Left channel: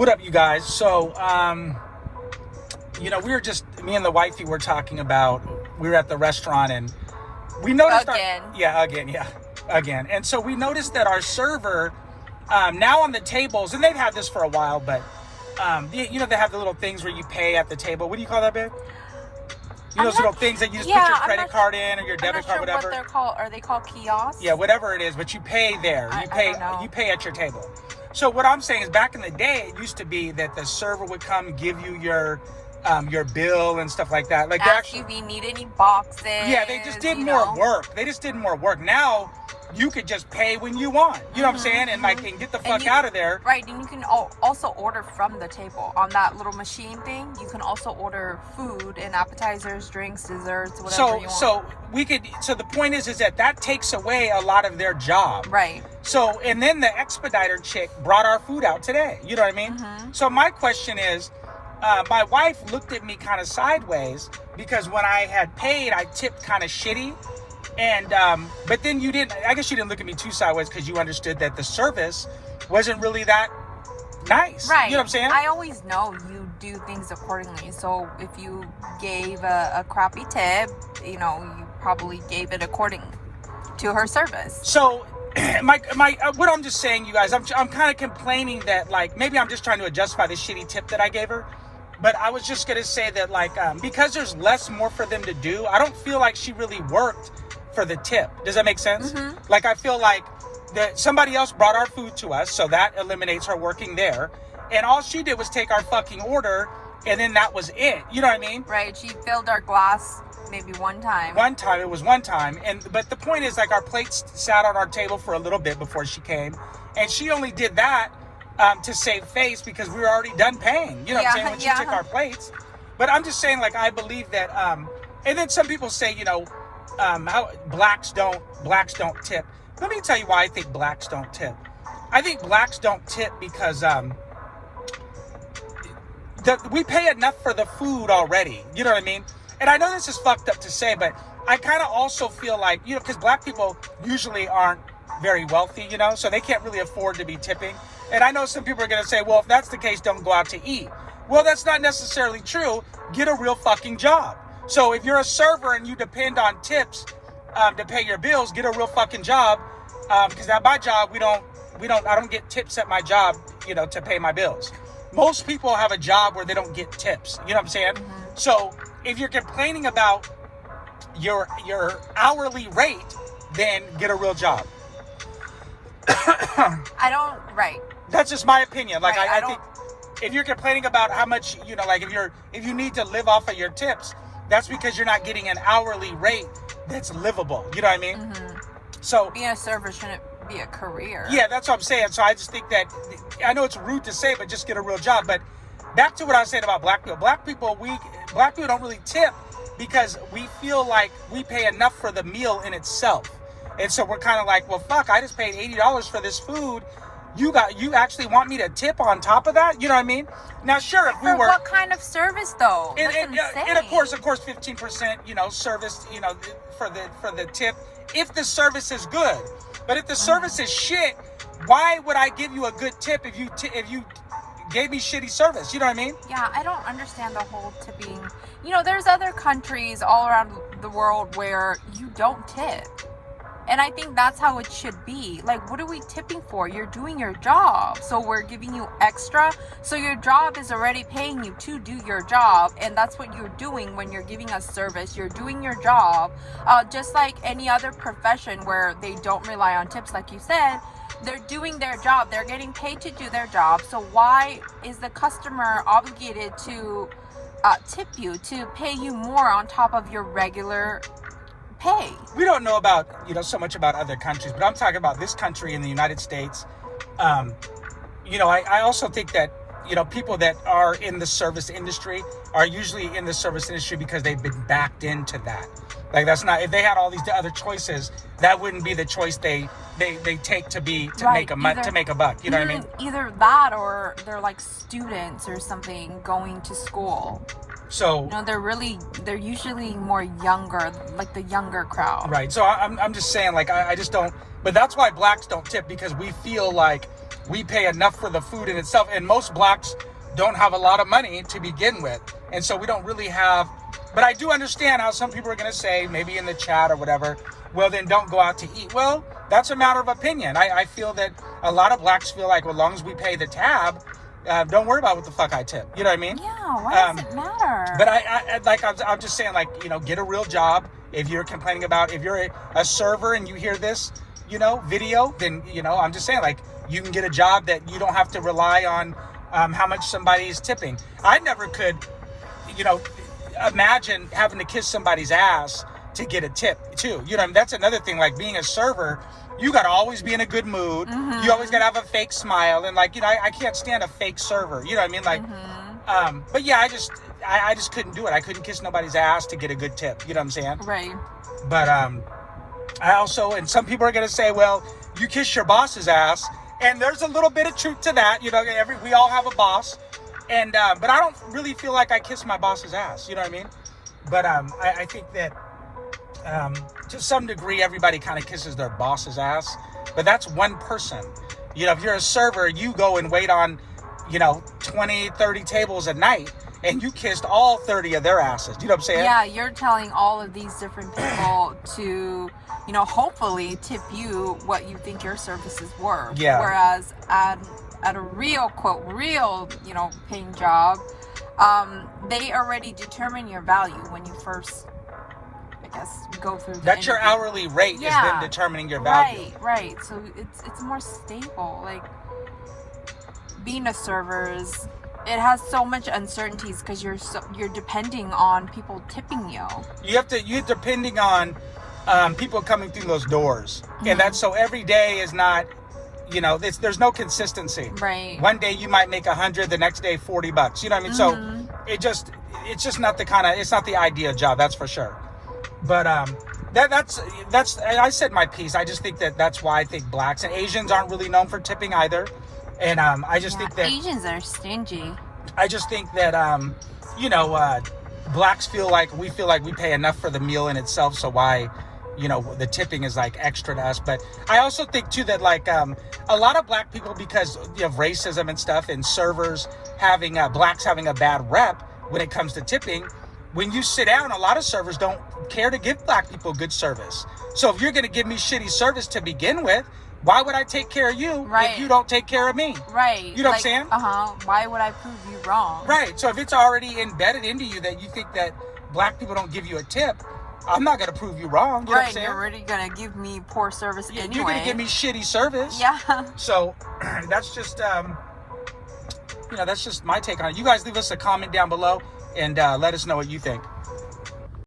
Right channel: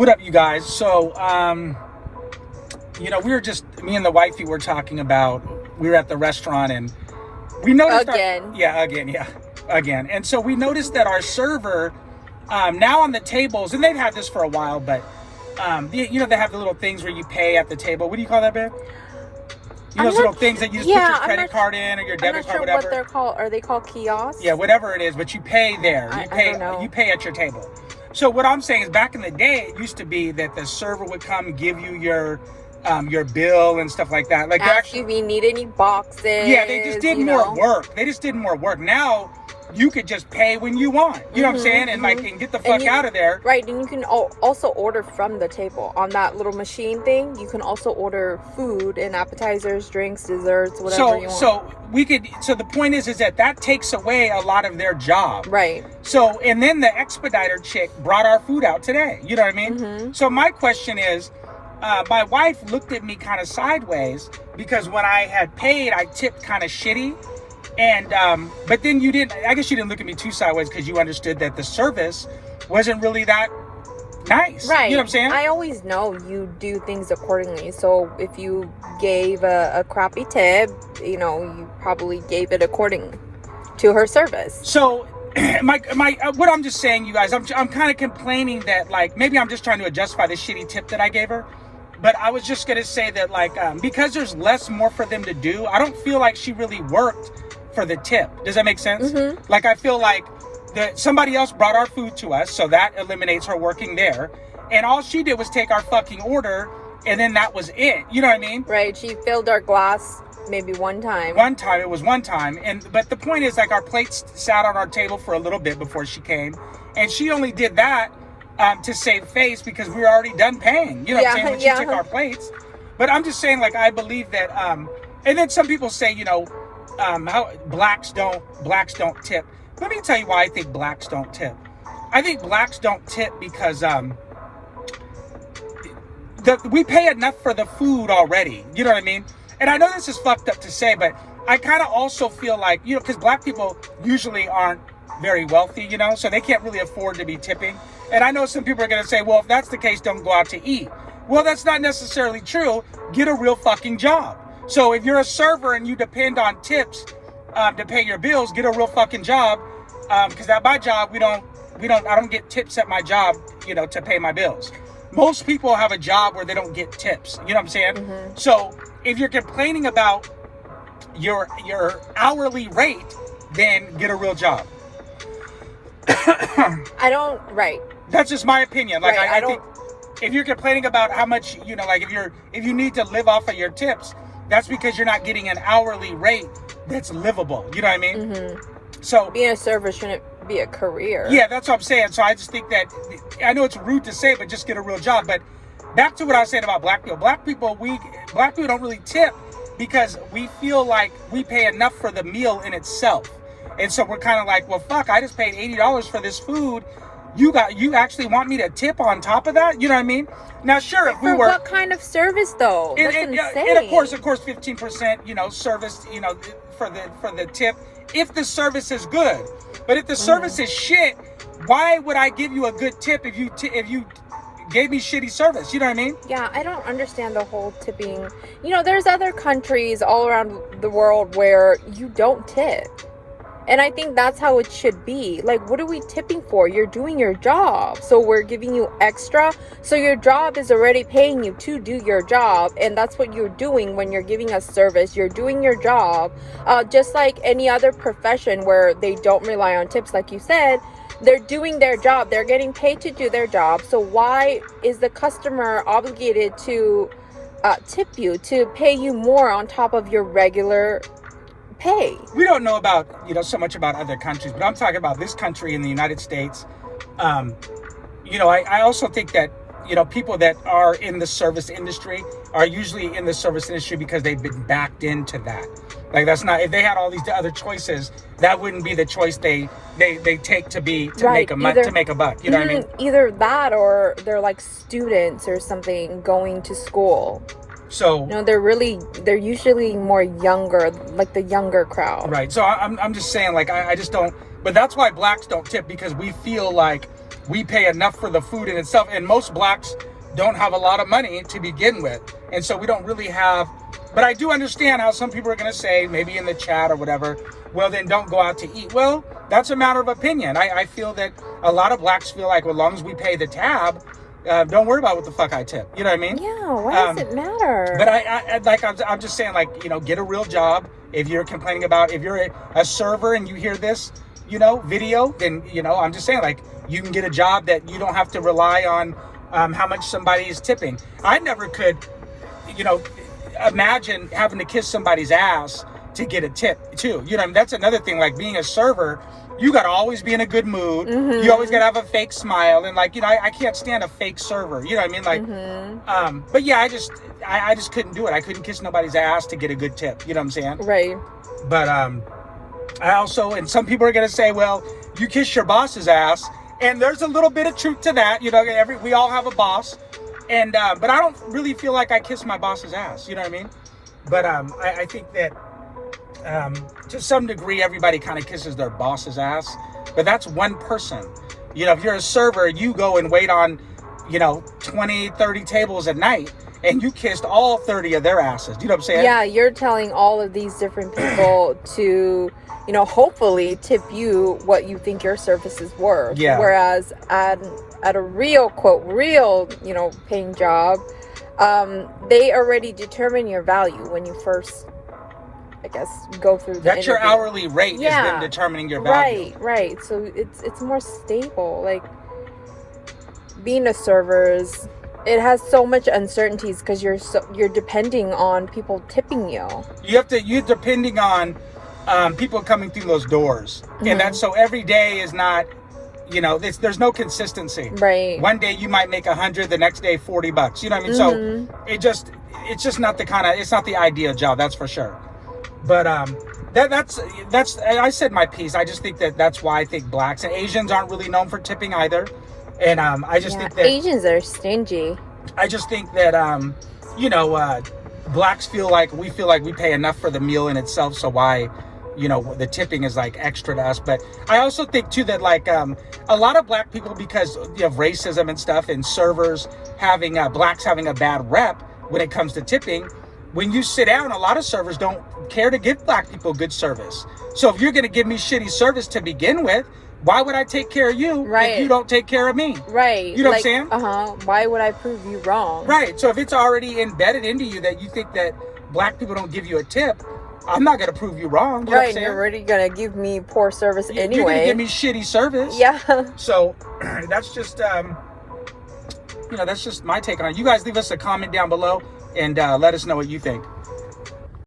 What up, you guys? So, me and the wifey were talking about, we were at the restaurant and we noticed again. And so we noticed that our server, now on the tables, and they've had this for a while, but, they have the little things where you pay at the table. What do you call that, babe? Those little things that you just put your credit card in or your debit card, whatever. What they're called. Are they called kiosks? Yeah, whatever it is, but you pay there. You pay at your table. So what I'm saying is, back in the day, it used to be that the server would come give you your bill and stuff like that. Like, ask you if you need any boxes. Yeah, they just did more work. They just did more work. Now you could just pay when you want. You know what I'm saying? And and get the fuck out of there. Right, and you can also order from the table on that little machine thing. You can also order food and appetizers, drinks, desserts, whatever you want. So the point is that takes away a lot of their job. Right. So, and then the expediter chick brought our food out today. You know what I mean? So my question is, my wife looked at me kind of sideways because when I had paid, I tipped kind of shitty. And, but then I guess you didn't look at me too sideways because you understood that the service wasn't really that nice. Right. You know what I'm saying? I always know you do things accordingly. So if you gave a crappy tip, you probably gave it according to her service. So what I'm just saying, you guys, I'm kind of complaining that, like, maybe I'm just trying to justify the shitty tip that I gave her. But I was just going to say that, like, because there's more for them to do, I don't feel like she really worked for the tip. Does that make sense? Like, I feel like that somebody else brought our food to us, so that eliminates her working there. And all she did was take our fucking order, and then that was it. You know what I mean? Right. She filled our glass maybe one time. It was one time. But the point is, like, our plates sat on our table for a little bit before she came, and she only did that to save face because we were already done paying. You know what I'm saying? When she took our plates. But I'm just saying, like, I believe that, and then some people say, how blacks don't tip. Let me tell you why I think blacks don't tip. I think blacks don't tip because we pay enough for the food already. You know what I mean? And I know this is fucked up to say, but I kind of also feel like, because black people usually aren't very wealthy, so they can't really afford to be tipping. And I know some people are going to say, well, if that's the case, don't go out to eat. Well, that's not necessarily true. Get a real fucking job. So if you're a server and you depend on tips to pay your bills, get a real fucking job. Because at my job, I don't get tips at my job, to pay my bills. Most people have a job where they don't get tips. You know what I'm saying? So if you're complaining about your hourly rate, then get a real job. Right. That's just my opinion. Like, right. I think if you're complaining about how much, like if you need to live off of your tips, that's because you're not getting an hourly rate that's livable. You know what I mean? So being a server shouldn't be a career. Yeah, that's what I'm saying. So I just think that, I know it's rude to say, but just get a real job. But back to what I was saying about black people. Black people don't really tip because we feel like we pay enough for the meal in itself. And so we're kind of like, well, fuck, I just paid $80 for this food. You actually want me to tip on top of that? You know what I mean? Now, sure, if we were... what kind of service, though? That's insane. And of course, 15%, service, for the tip, if the service is good. But if the service is shit, why would I give you a good tip if you gave me shitty service? You know what I mean? Yeah, I don't understand the whole tipping. There's other countries all around the world where you don't tip. And I think that's how it should be. Like, what are we tipping for? You're doing your job. So we're giving you extra. So your job is already paying you to do your job. And that's what you're doing when you're giving us service. You're doing your job. Just like any other profession where they don't rely on tips, like you said, they're doing their job. They're getting paid to do their job. So why is the customer obligated to tip you, to pay you more on top of your regular pay? We don't know about, so much about other countries, but I'm talking about this country in the United States. I also think that, people that are in the service industry are usually in the service industry because they've been backed into that. Like, that's not, if they had all these other choices, that wouldn't be the choice they take to make a buck. You know what I mean? Either that or they're like students or something going to school. So they're usually more younger, like the younger crowd. Right. So I'm just saying, like, I just don't, but that's why blacks don't tip, because we feel like we pay enough for the food in itself. And most blacks don't have a lot of money to begin with. And so we don't really have, but I do understand how some people are going to say, maybe in the chat or whatever, well, then don't go out to eat. Well, that's a matter of opinion. I feel that a lot of blacks feel like, well, as long as we pay the tab, don't worry about what the fuck I tip. You know what I mean? Yeah, why does it matter? But I'm just saying, like, get a real job. If you're complaining about, if you're a server and you hear this, video, then, I'm just saying, like, you can get a job that you don't have to rely on how much somebody is tipping. I never could, imagine having to kiss somebody's ass to get a tip too. That's another thing, like being a server, you got to always be in a good mood. Mm-hmm. You always got to have a fake smile. And like, I can't stand a fake server. You know what I mean? Like, mm-hmm. But yeah, I just couldn't do it. I couldn't kiss nobody's ass to get a good tip. You know what I'm saying? Right. But, I also, and some people are going to say, well, you kiss your boss's ass. And there's a little bit of truth to that. We all have a boss. And, but I don't really feel like I kiss my boss's ass. You know what I mean? But, I think that, to some degree, everybody kind of kisses their boss's ass, but that's one person. If you're a server, you go and wait on, 20, 30 tables a night, and you kissed all 30 of their asses. Do you know what I'm saying? Yeah, you're telling all of these different people to, hopefully tip you what you think your service is worth. Yeah. Whereas at a real, quote, paying job, they already determine your value when you first, I guess, go through the That's interview. Your hourly rate is them determining your value. Right. So it's more stable. Like, being a server it has so much uncertainties because you're depending on people tipping you. You're depending on people coming through those doors. Mm-hmm. And that's so every day is not, there's no consistency. Right. One day you might make 100, the next day $40. You know what I mean? Mm-hmm. So it's just not it's not the ideal job, that's for sure. But that's I said my piece. I just think that's why I think blacks and Asians aren't really known for tipping either. And I just think that Asians are stingy. I just think that blacks feel like we pay enough for the meal in itself, so why the tipping is like extra to us. But I also think too that like a lot of black people, because of racism and stuff, and servers having blacks having a bad rep when it comes to tipping, when you sit down, a lot of servers don't care to give black people good service. So if you're going to give me shitty service to begin with, why would I take care of you if you don't take care of me? Right. You know what I'm saying? Why would I prove you wrong? Right. So if it's already embedded into you that you think that black people don't give you a tip, I'm not going to prove you wrong. You know what I'm saying? You're already going to give me poor service anyway. You're going to give me shitty service. Yeah. So that's just, that's just my take on it. You guys leave us a comment down below and let us know what you think.